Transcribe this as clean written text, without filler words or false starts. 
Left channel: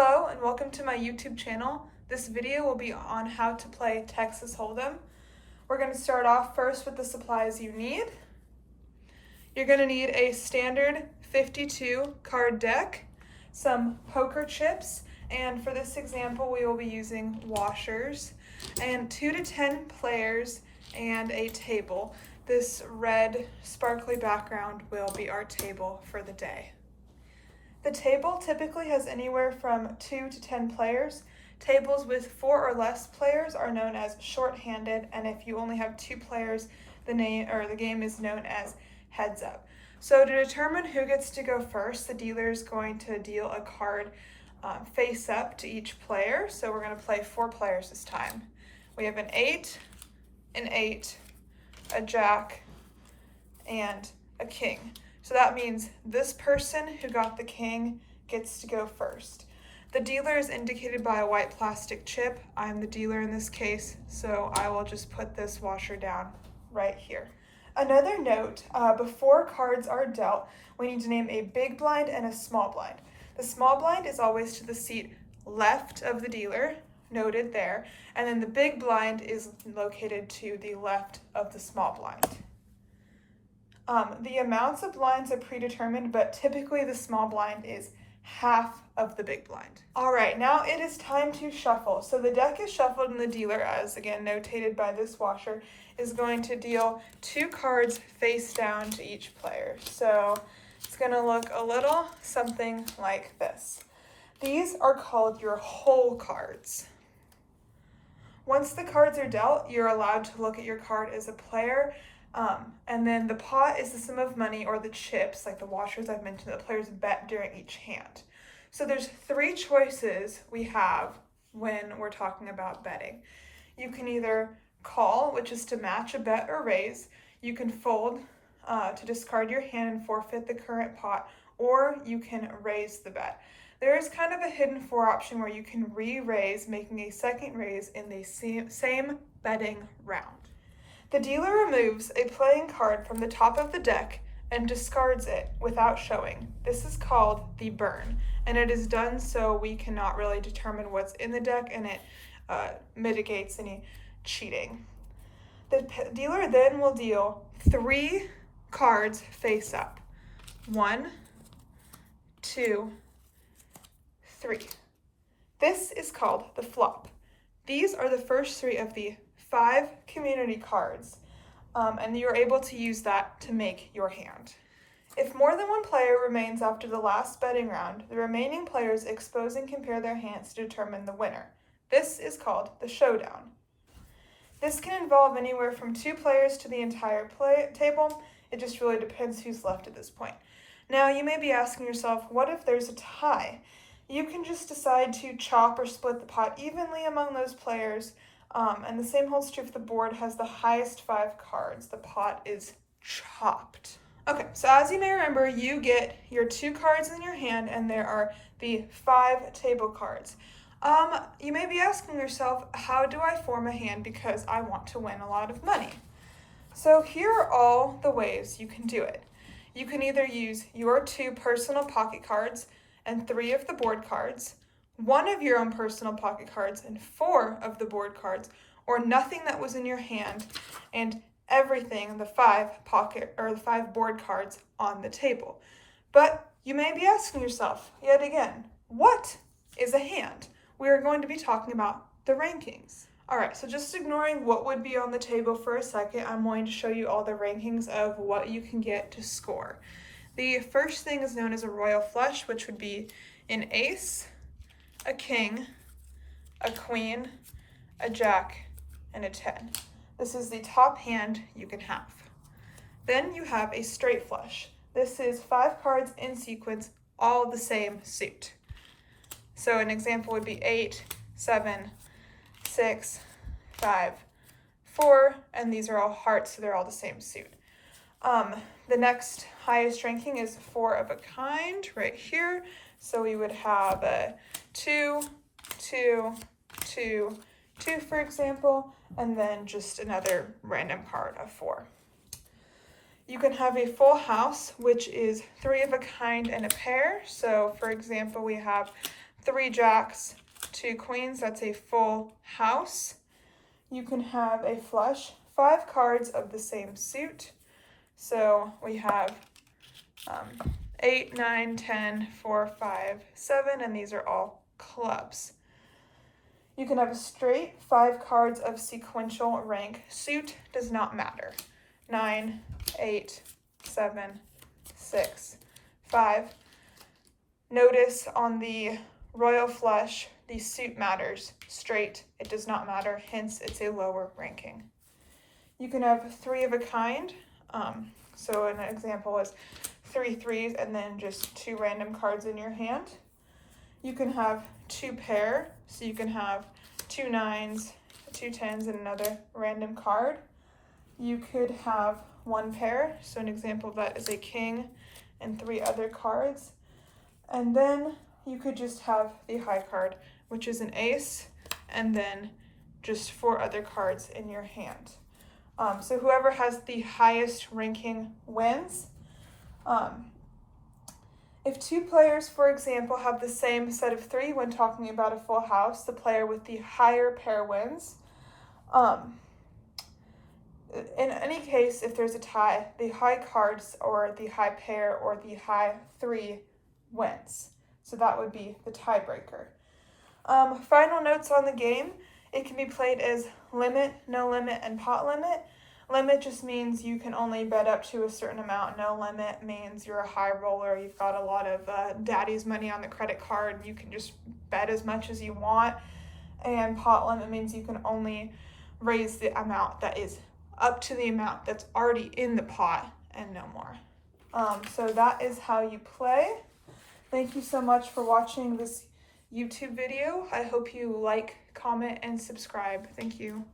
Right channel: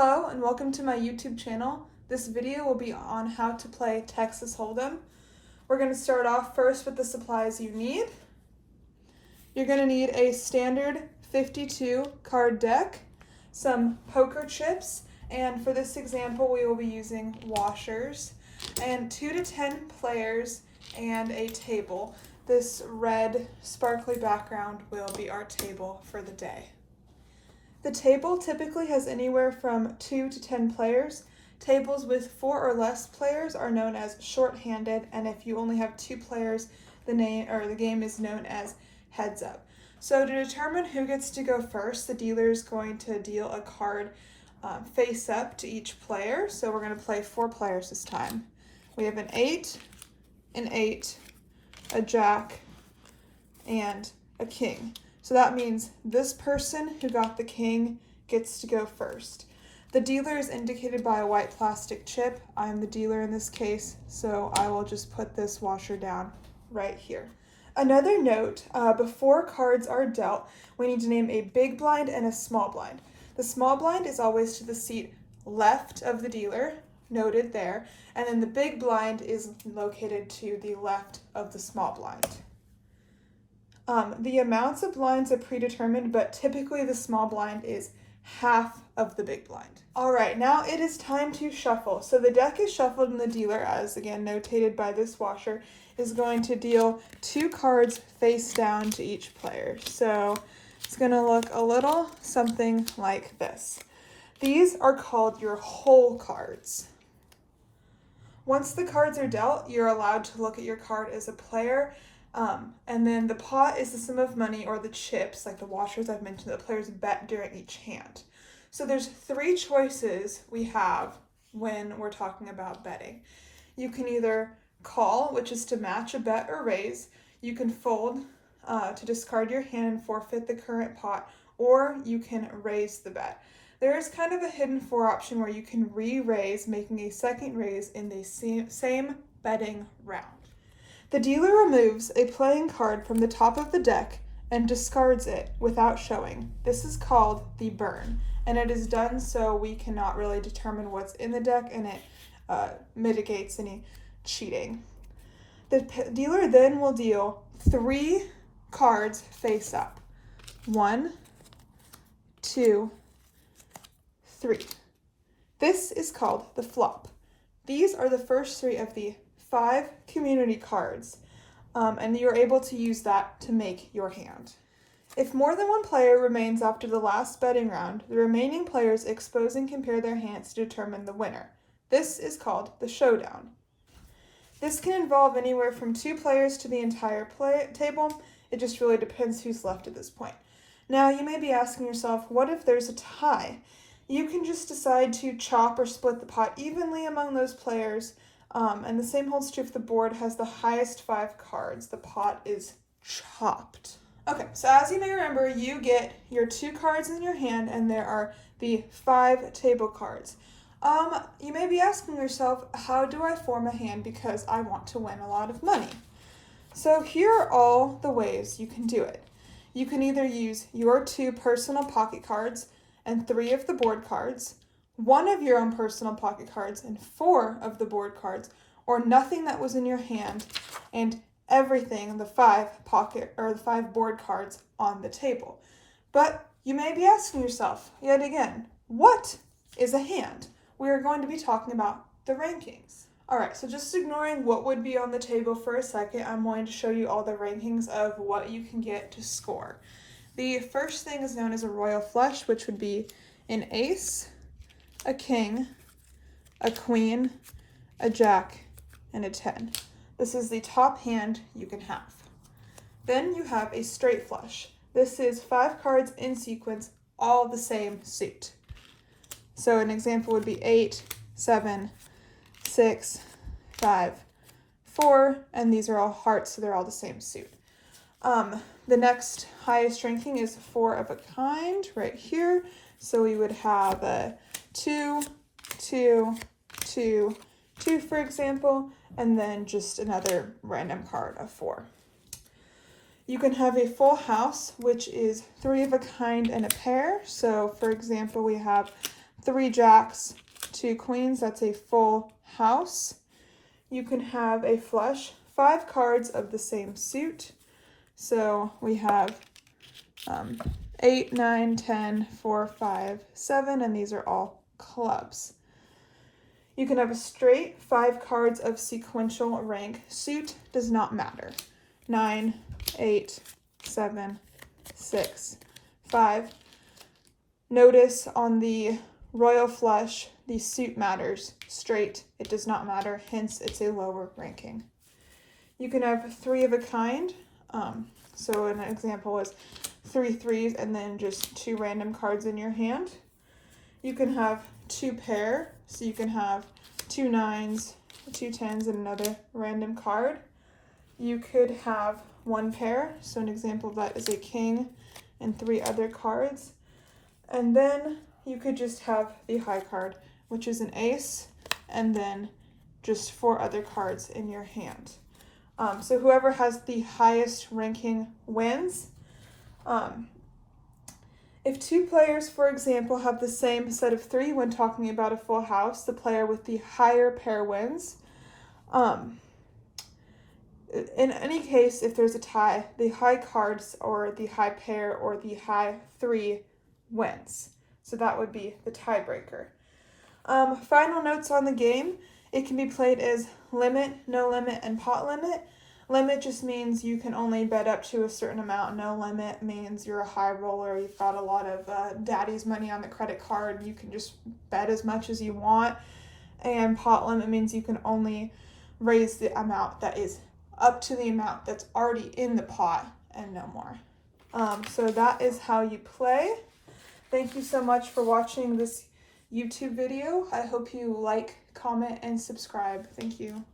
Hello and welcome to my YouTube channel. This video will be on how to play Texas Hold'em. We're going to start off first with the supplies you need. You're going to need a standard 52 card deck, some poker chips, and for this example we will be using washers, and 2 to 10 players and a table. This red sparkly background will be our table for the day. The table typically has anywhere from 2 to 10 players. Tables with 4 or less players are known as short-handed, and if you only have 2 players, the game is known as heads up. So to determine who gets to go first, the dealer is going to deal a card face up to each player. So we're going to play 4 players this time. We have an 8, a jack, and a king. So that means this person who got the king gets to go first. The dealer is indicated by a white plastic chip. I'm the dealer in this case, so I will just put this washer down right here. Another note, before cards are dealt, we need to name a big blind and a small blind. The small blind is always to the seat left of the dealer, noted there, and then the big blind is located to the left of the small blind. The amounts of blinds are predetermined, but typically the small blind is half of the big blind. All right, now it is time to shuffle. So the deck is shuffled and the dealer, as again notated by this washer, is going to deal 2 cards face down to each player. So it's gonna look a little something like this. These are called your whole cards. Once the cards are dealt, you're allowed to look at your card as a player. And then the pot is the sum of money, or the chips, like the washers I've mentioned, that players bet during each hand. So there's 3 choices we have when we're talking about betting. You can either call, which is to match a bet or raise. You can fold to discard your hand and forfeit the current pot, or you can raise the bet. There is kind of a hidden 4 option where you can re-raise, making a second raise in the same betting round. The dealer removes a playing card from the top of the deck and discards it without showing. This is called the burn, and it is done so we cannot really determine what's in the deck, and it mitigates any cheating. The dealer then will deal 3 cards face up. 1, 2, 3. This is called the flop. These are the first 3 of the 5 community cards, and you're able to use that to make your hand. If more than 1 player remains after the last betting round, the remaining players expose and compare their hands to determine the winner. This is called the showdown. This can involve anywhere from 2 players to the entire table. It just really depends who's left at this point. Now you may be asking yourself, what if there's a tie? You can just decide to chop or split the pot evenly among those players. And the same holds true if the board has the highest 5 cards. The pot is chopped. Okay, so as you may remember, you get your 2 cards in your hand, and there are the 5 table cards. You may be asking yourself, how do I form a hand because I want to win a lot of money? So here are all the ways you can do it. You can either use your 2 personal pocket cards and 3 of the board cards, 1 of your own personal pocket cards and 4 of the board cards, or nothing that was in your hand and everything, the 5 board cards on the table. But you may be asking yourself, yet again, what is a hand? We are going to be talking about the rankings. All right, so just ignoring what would be on the table for a second, I'm going to show you all the rankings of what you can get to score. The first thing is known as a royal flush, which would be an ace, a king, a queen, a jack, and a 10. This is the top hand you can have. Then you have a straight flush. This is 5 cards in sequence, all the same suit. So an example would be 8, 7, 6, 5, 4, and these are all hearts, so they're all the same suit. The next highest ranking is 4 of a kind right here. So we would have a 2, 2, 2, 2, for example, and then just another random card of 4. You can have a full house, which is 3 of a kind and a pair. So for example, we have 3 jacks, 2 queens, that's a full house. You can have a flush, 5 cards of the same suit. So we have 8, 9, 10, 4, 5, 7, and these are all clubs. You can have a straight, 5 cards of sequential rank. Suit does not matter. 9, 8, 7, 6, 5. Notice on the royal flush, the suit matters. Straight, it does not matter, hence it's a lower ranking. You can have 3 of a kind. So an example is 3 threes and then just 2 random cards in your hand. You can have 2 pair, so you can have 2 nines, 2 tens, and another random card. You could have 1 pair, so an example of that is a king and 3 other cards. And then you could just have the high card, which is an ace, and then just 4 other cards in your hand. So whoever has the highest ranking wins. If 2 players, for example, have the same set of 3 when talking about a full house, the player with the higher pair wins. In any case, if there's a tie, the high cards or the high pair or the high 3 wins. So that would be the tiebreaker. Final notes on the game. It can be played as limit, no limit, and pot limit. Limit just means you can only bet up to a certain amount. No limit means you're a high roller. You've got a lot of daddy's money on the credit card. You can just bet as much as you want. And pot limit means you can only raise the amount that is up to the amount that's already in the pot and no more. So that is how you play. Thank you so much for watching this YouTube video. I hope you like, comment, and subscribe. Thank you.